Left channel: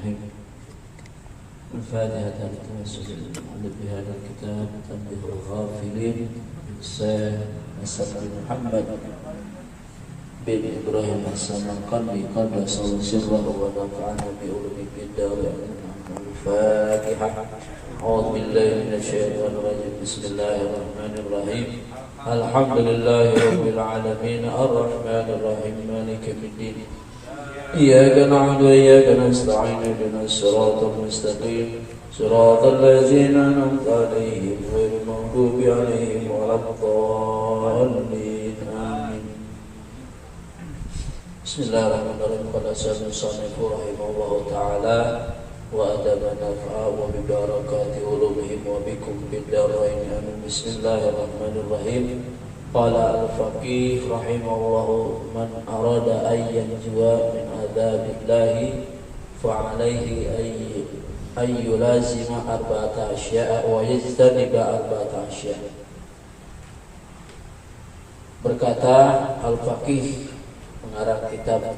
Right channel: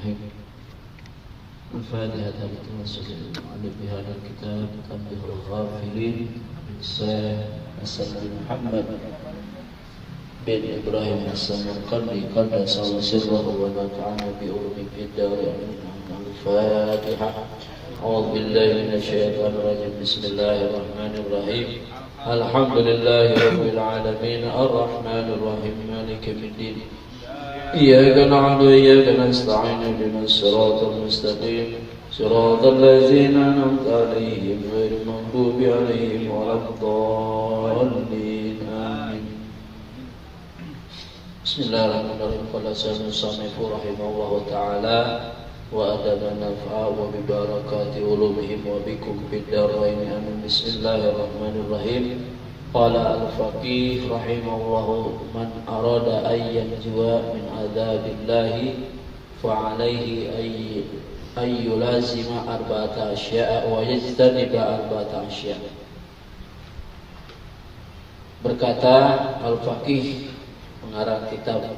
Bismillahirrahmanirrahim. Al-Fatihah lillahi wa bihadal kitab tanbihul ghafilin Hasan bin Muhammad bin Ibrahim Hasan al-Qadri qadasa sirrahu wa nafa'ana bi ulumi bid-dari Al-Fatihah. A'udzu billahi minasyaitonir rajim. Bismillahirrahmanirrahim. Alhamdulillahi rabbil alamin arrahmanir rahim maliki yaumiddin. Iyyaka na'budu wa iyyaka nasta'in ihdinas siratal mustaqim siratal ladzina an'amta 'alaihim ghairil maghdubi 'alaihim waladdallin. Amin. Bismillahirrahmanirrahim. Qala sanafu rahimahullahu ta'ala wa adama nafa'a wa bi barakati ulumihim wa bikum bid-darain. Amin. Bismillahirrahmanirrahim. Qala al-faqih rahimahullahu man arada an yanjuwa min adabillahi fa alayhi ay yulazima arba'ata asya'a wa yajtaniba arba'ata asya'a. Berkata al-faqih pengarang kitab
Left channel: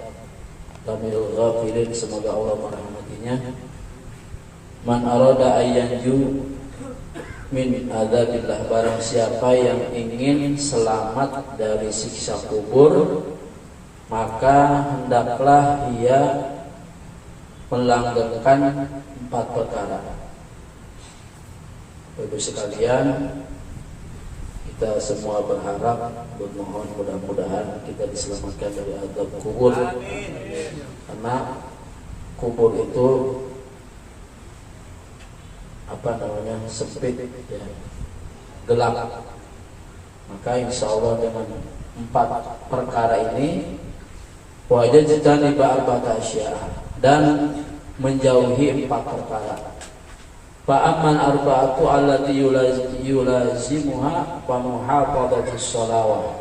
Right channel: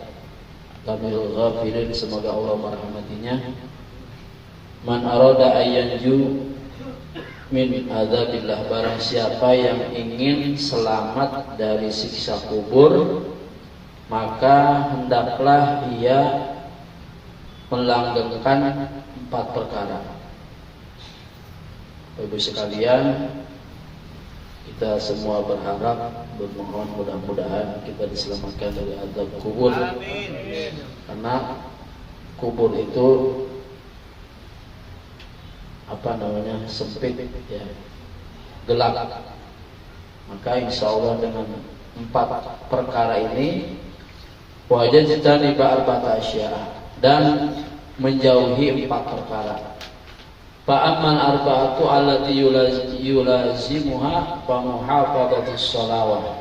Tamil Ghafilin, semoga Allah merahmatinya, man arada an yanju min adzabillah, barang siapa yang ingin selamat dari siksa kubur, maka hendaklah ia melanggengkan 4 perkara. Bapak sekalian, kita semua berharap, bermohon mudah-mudahan kita diselamatkan dari azab kubur. Karena kubur itu sempit, ya, gelap. Maka insya Allah dengan 4 perkara ini wajadtani ba'arba'ata asya'a, dan menjauhi 4 perkara. Fa'amman arba'atu allati yulazimuha fa muhafadhatus shalawah.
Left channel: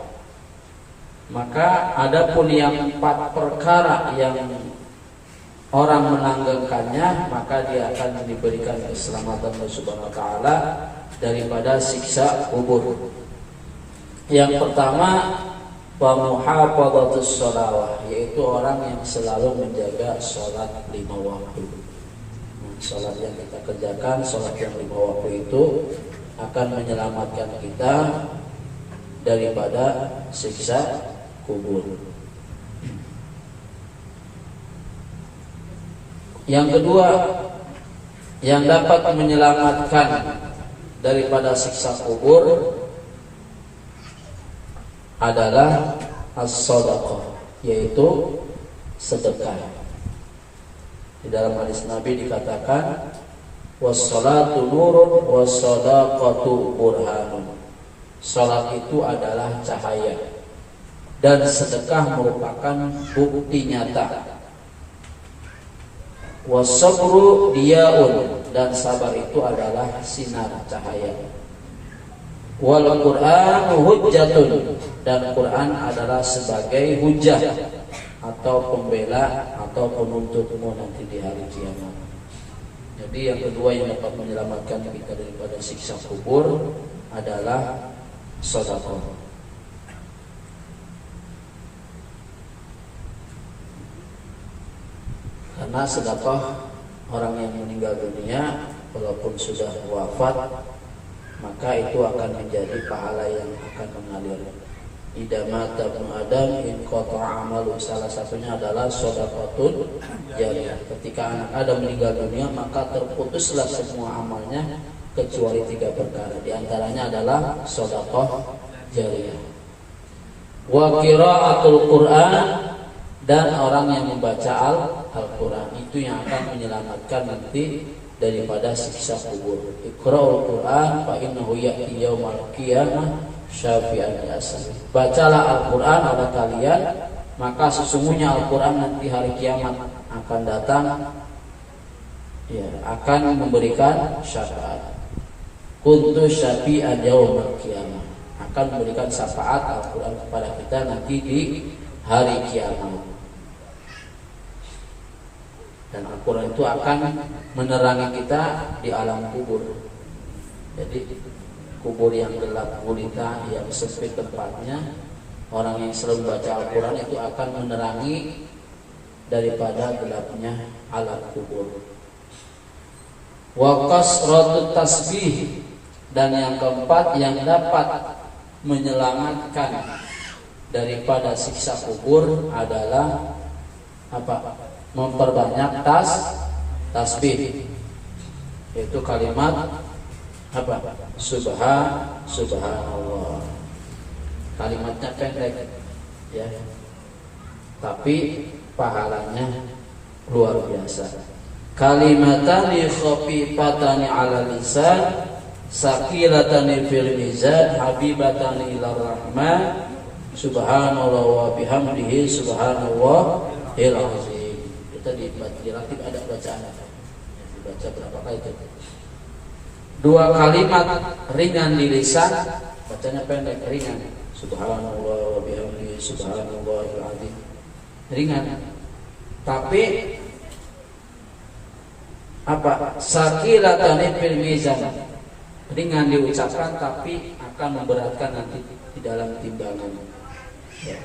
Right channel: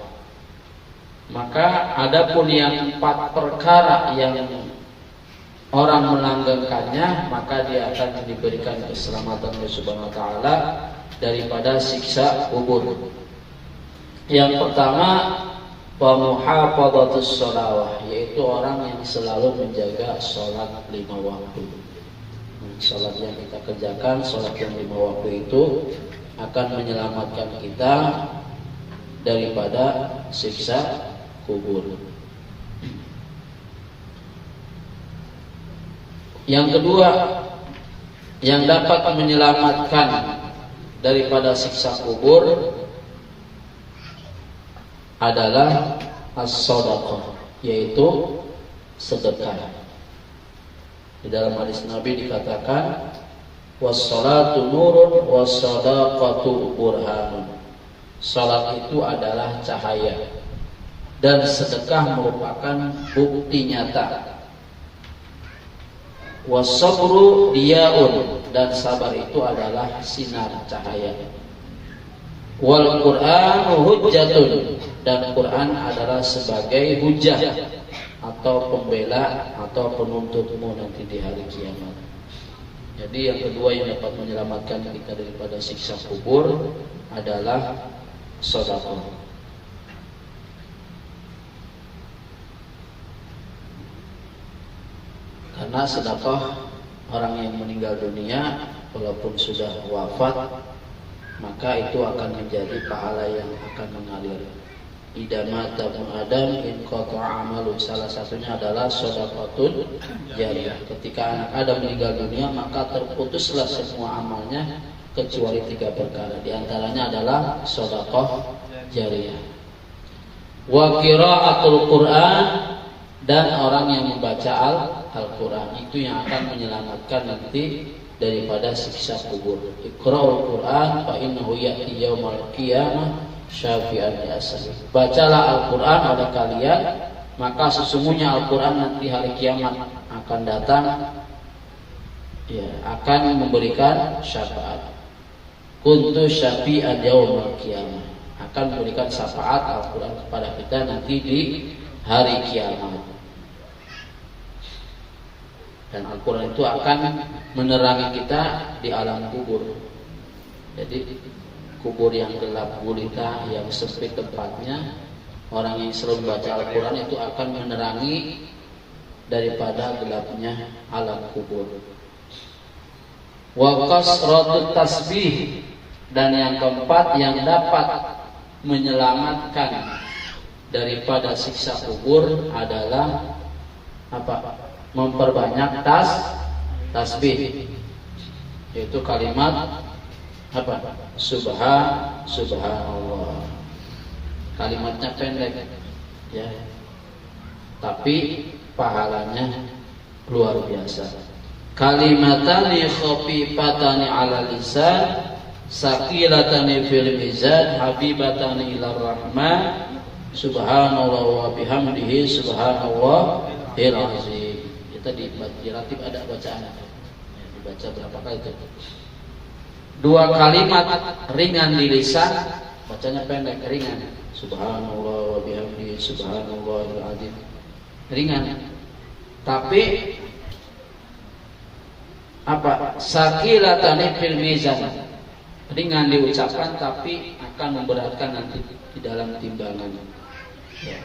Maka adapun yang 4 perkara yang orang melanggengkannya, maka dia akan diberikan keselamatan oleh Subhanahu wa ta'ala daripada siksa kubur. Yang pertama, wa muhafadhatus shalawah, yaitu orang yang selalu menjaga sholat 5 waktu. Sholat yang kita kerjakan, sholat yang 5 waktu itu akan menyelamatkan kita daripada siksa kubur. Yang kedua, yang dapat menyelamatkan daripada siksa kubur adalah as-shadaqah, yaitu sedekah. Di dalam hadis Nabi dikatakan, was-salatu nurun was-sadaqatu burhanun. Salat itu adalah cahaya dan sedekah merupakan bukti nyata. Wasabru diyaun, dan sabar itu adalah sinar cahaya. Wal Qur'anu hujjatun, dan Quran adalah sebagai hujjah atau pembela atau penuntutmu nanti di hari kiamat. Jadi yang kedua yang dapat menyelamatkan kita daripada siksa kubur adalah sedekah. Karena sedekah orang yang meninggal dunia walaupun sudah wafat, maka itu akan menjadi pahala yang akan mengalir. Idza mata ibnu Adam in qata'a amalu, salah satunya adalah shadaqatun jariyah. Ketika anak Adam meninggal dunia, maka terputuslah semua amalnya kecuali 3 perkara. Di antaranya adalah shadaqah jariyah. Wa qiraatul Qur'an, dan orang yang membaca Al-Quran, itu yang akan menyelamatkan nanti daripada siksa kubur. Iqra'ul Quran fa innahu ya'ti yaumal qiyamah syafi'an yasal. Bacalah Al-Quran pada kalian, maka sesungguhnya Al-Quran nanti hari kiamat akan datang, ya, akan memberikan syafaat. Kuntu syafi'an yaumal qiyamah, akan memberikan syafaat Al-Quran kepada kita nanti di hari kiamat. Dan Al-Quran itu akan menerangi kita di alam kubur. Jadi kubur yang gelap gulita, yang sempit tempatnya, orang yang selalu membaca Al-Quran itu akan menerangi daripada gelapnya alam kubur. Wa kasratut tasbih, dan yang keempat yang dapat menyelamatkan daripada siksa kubur adalah apa? Memperbanyak tasbih, yaitu kalimat apa? Subhanallah. Kalimatnya pendek, ya, tapi pahalanya luar biasa. Kalimatani khafifatani ala lisan, saqilatani fil mizan, habibatani ila rahman, subhanallah wa bihamdihi subhanallahil azim. Kita dilatih ada bacaan, dibaca berapa kali itu? 2 kalimat ringan di lisan, bacanya pendek, ringan. Subhanallah wa bihamdihi subhanallahil azim. Ringan. Tapi apa? Saqilatani fil mizan. Ringan diucapkan tapi akan memberatkan nanti di dalam timbangan. Ya.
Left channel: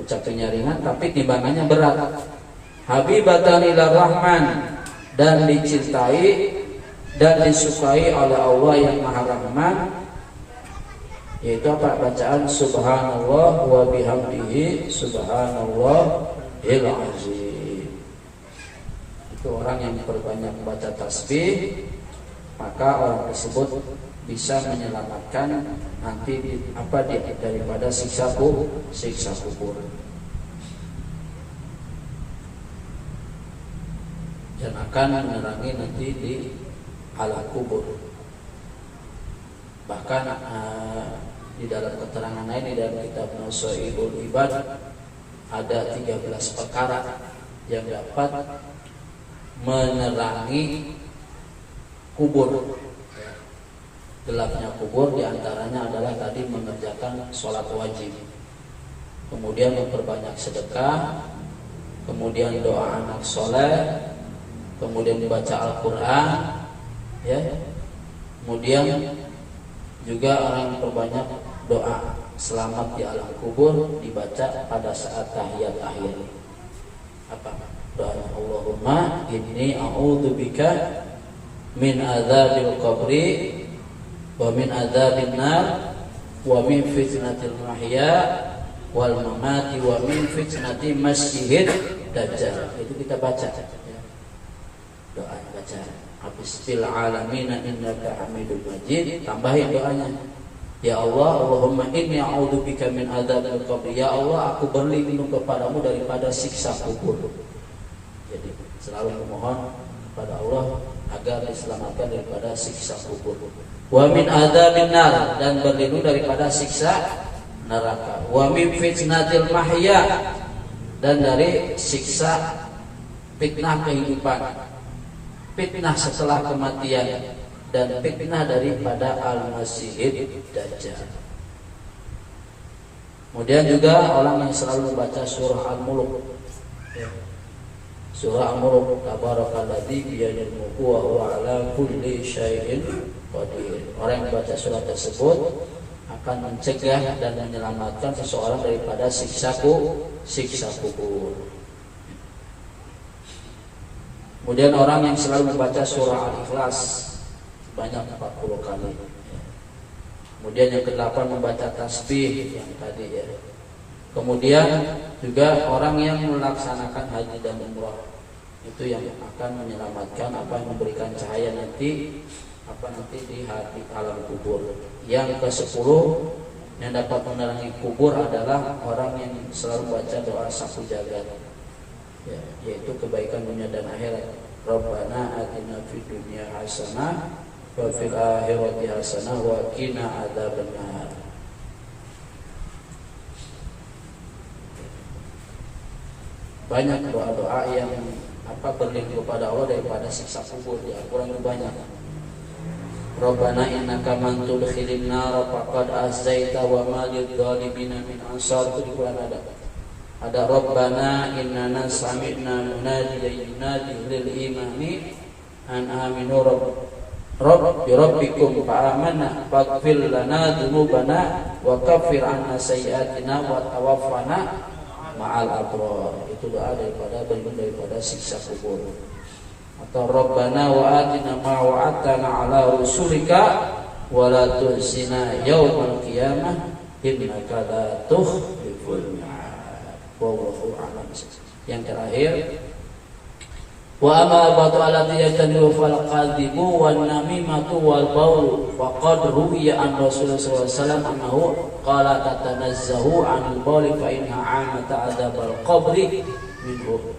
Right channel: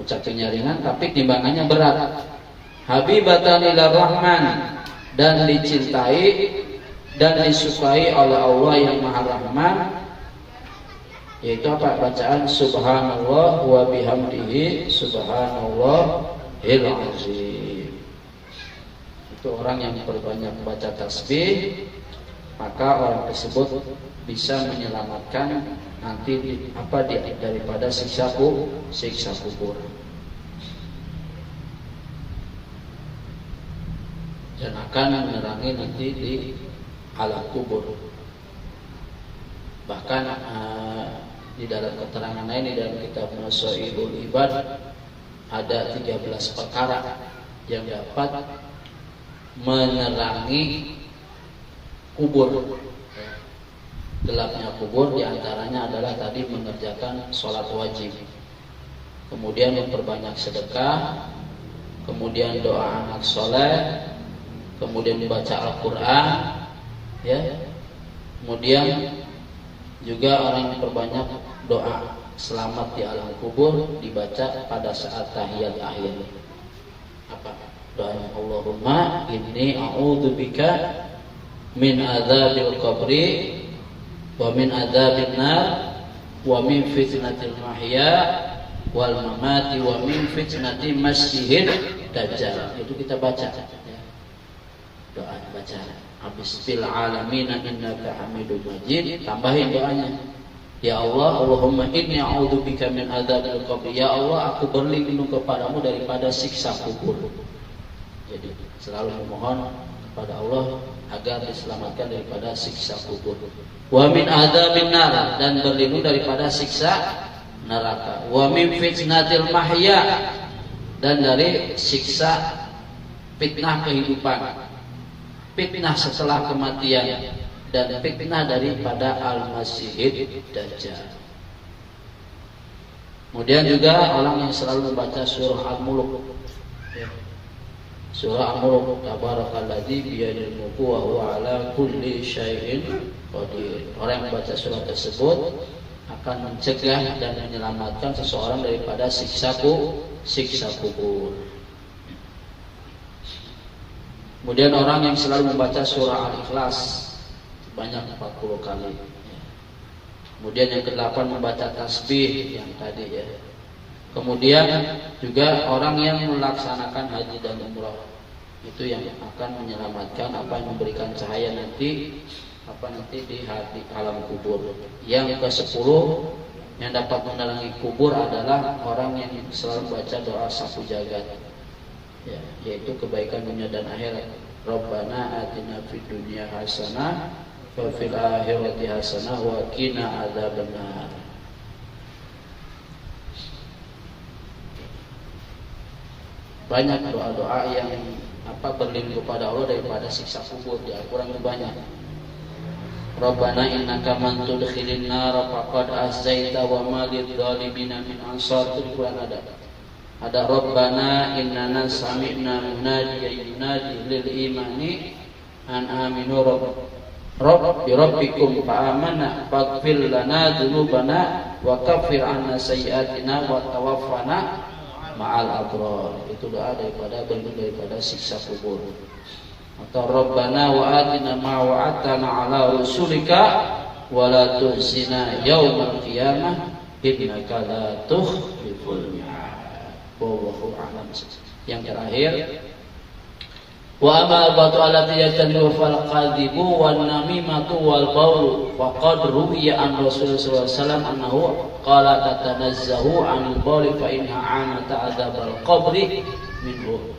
Ucapannya ringan tapi timbangannya berat. Habibatan ila rahman, dan dicintai dan disukai oleh Allah yang Maha Rahman, yaitu apa? Bacaan subhanallah wa bihamdihi subhanallahil azim. Itu orang yang perbanyak baca tasbih, maka orang tersebut bisa menyelamatkan nanti daripada siksa kubur. Dan akan menerangi nanti di alam kubur. Bahkan di dalam keterangan ini dalam kitab Nasaihul Ibad ada 13 perkara yang dapat menerangi kubur. Gelapnya kubur diantaranya adalah tadi mengerjakan sholat wajib, kemudian memperbanyak sedekah, kemudian doa anak soleh, kemudian membaca Al-Quran, ya, kemudian juga orang yang perbanyak doa selamat di alam kubur dibaca pada saat tahiyat akhir. Apa doanya? Allahumma inni a'udzubika min adzabil qabri wa min adzabin nar wa min fitnatil mahya wal mamati wa min fitnati masyihid dajjal. Itu kita baca, ya. Doa baca habis bil alamin innaka hamidum majid, tambahin doanya, ya Allah, Allahumma inni a'udzubika min adzabil qabr. Ya Allah, aku berlindung kepadamu daripada siksa kubur. Jadi selalu memohon kepada Allah agar diselamatkan daripada siksa kubur. Wa min adzabin nar, dan berlindung daripada siksa neraka. Wa min fitnatil mahya, dan dari siksa fitnah kehidupan, fitnah setelah kematian, dan fitnah daripada al-masihid dajjal. Kemudian juga orang yang selalu membaca surah Al-Mulk. Surah Al-Mulk, tabarakalladzi biyadil mulku wa huwa ala kulli syai'in qadir. Orang yang membaca surah tersebut akan mencegah dan menyelamatkan seseorang daripada siksa kubur. Kemudian orang yang selalu membaca surah Al-Ikhlas banyak 40 kali. Kemudian yang ke-8 membaca tasbih yang tadi, ya. Kemudian juga orang yang melaksanakan haji dan umrah, itu yang akan menyelamatkan yang memberikan cahaya nanti di alam kubur. Yang ke-10 yang dapat menerangi kubur adalah orang yang selalu baca doa sapu jagat, ya, yaitu kebaikan dunia dan akhirat. Rabbana atina fid dunya hasanah wa fil akhirati hasanah wa qina adzabannar. Banyak doa-doa yang berlindung kepada Allah daripada siksa kubur di Al-Qur'an itu banyak. Rabbana innaka man tudkhilin nar faqad ahzaita wa ma lidh-dhalimin min ansar, itu di Quran ada. Ada Rabbana innana sami'na munadiyan yunadi lil imani an aminu rabbikum fa amanna faghfir lana dzunubana wa kaffir 'anna sayyi'atina wa tawaffana ma'al abrar. Itu doa daripada berlindung daripada siksa kubur. Atau Rabbana wa atina ma wa'adtana ala rusulika wa la tuhzina yaumal qiyamah innaka la tukhliful mi'ad. Wallahu a'lam. Yang terakhir, wa amal batu alati yataniu fal qadibu wan namimatu wal baulu wa qad ruwiya an Rasulullah sallallahu alaihi wasallam annahu qala tatanazzahu anil bauli fa inna amata adzabal qabri minhu.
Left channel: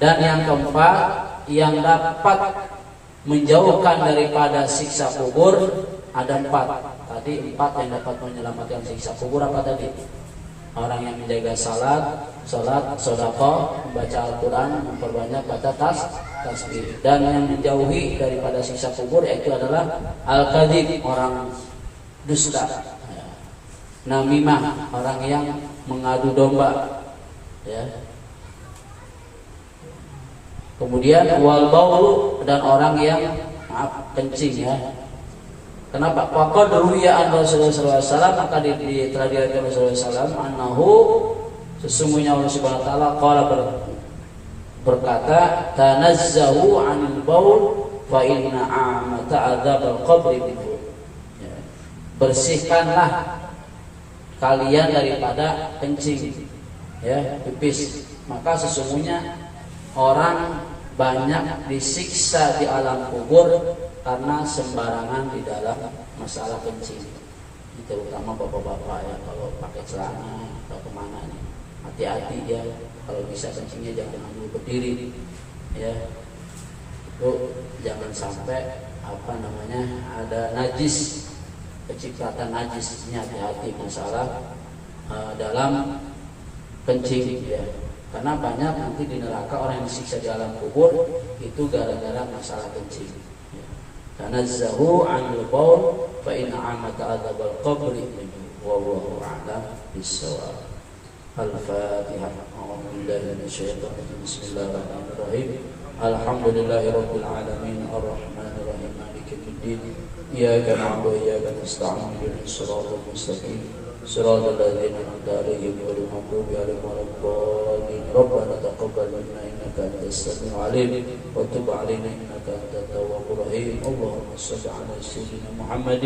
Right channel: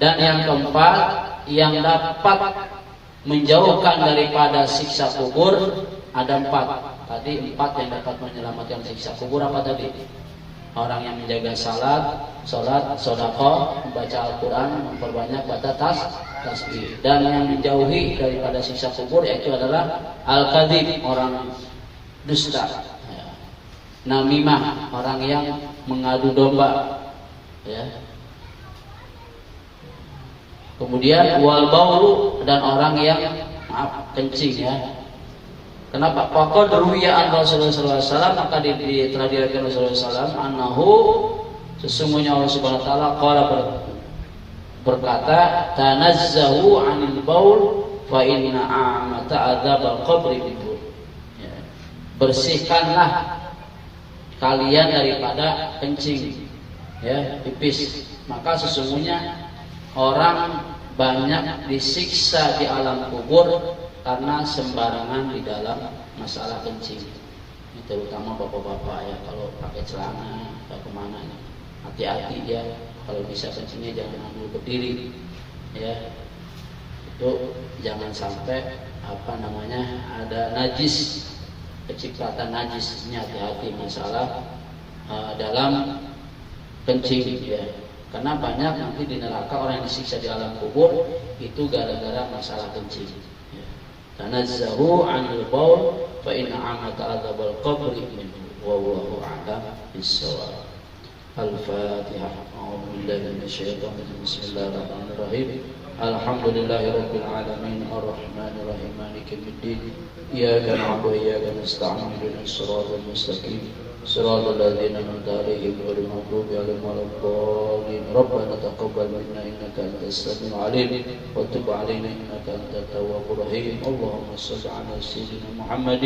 Dan yang keempat, yang dapat menjauhkan daripada siksa kubur ada 4. Tadi 4 yang dapat menyelamatkan siksa kubur apa tadi? Orang yang menjaga salat, sedekah, membaca Al-Quran, memperbanyak baca tasbih. Dan yang menjauhi daripada siksa kubur yaitu adalah al-kadzib, orang dusta. Namimah, orang yang mengadu domba. Ya. Kemudian wal baulu, dan orang yang kencing ya. Kenapa? Faqad ruwiya an Rasulullah sallallahu alaihi wasallam, maka telah diriwayatkan Rasulullah sallallahu alaihi wasallam annahu, sesungguhnya Allah Subhanahu wa taala qala berkata, tanazzahu 'anil baul fa inna amata adzabal qabri minhu. Ya. Bersihkanlah kalian daripada kencing, ya, pipis. Maka sesungguhnya orang banyak disiksa di alam kubur karena sembarangan di dalam masalah kencing. Ini terutama bapak-bapak ya, kalau pakai celana atau kemana nih, hati-hati ya. Kalau bisa kencingnya jangan ambil berdiri, ya. Itu jangan sampai ada najis, kecipratan najis. Ini hati-hati masalah dalam kencing ya. Karena banyak nanti di neraka orang yang disiksa di alam kubur itu gara-gara masalah kencing. Tanazzahu 'anil baul fa inna 'amata adzabal qabri minhu wallahu a'lam bis-shawab. Al-Fatihah. A'udzu billahi minasyaitonir rajim. Bismillahirrahmanirrahim. Alhamdulillahirabbil alamin arrahmanir rahim maliki yaumiddin. Iyyaka na'budu wa iyyaka nasta'in ihdinas siratal mustaqim. صراط الذين أنعمت عليهم غير المغضوب عليهم ولا الضالين. ربنا تقبل منا إنك أنت السميع العليم وتب علينا إنك أنت التواب الرحيم. اللهم صل على سيدنا محمد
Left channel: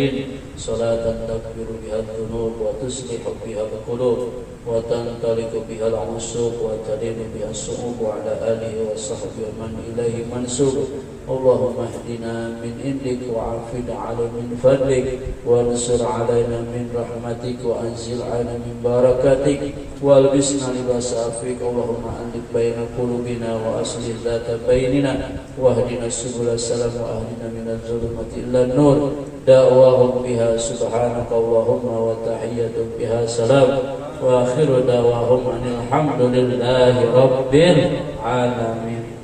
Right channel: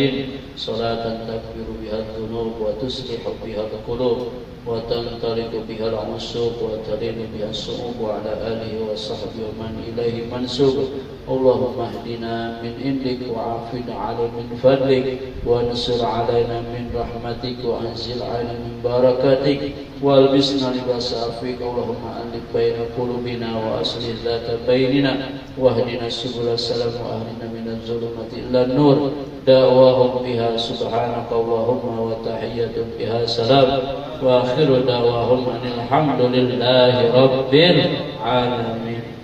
صلاة تغفر بها الذنوب وتصلح بها القلوب وتنطلق بها العصوب وتلين بها الصعوب وعلى آله وصحبه ومن إليه منسوب. اللهم اهدنا من عندك وعافنا على من فضلك وانصر علينا من رحمتك وانزل علينا من بركاتك والبسنا لباس عفوك. اللهم ألف بين قلوبنا وأصلح ذات بيننا واهدنا سبل السلام وأهدنا من الظلمات إلى النور. دعواهم بها سبحانك اللهم وتحية بها سلام وآخر دعواهم أن الحمد لله رب العالمين.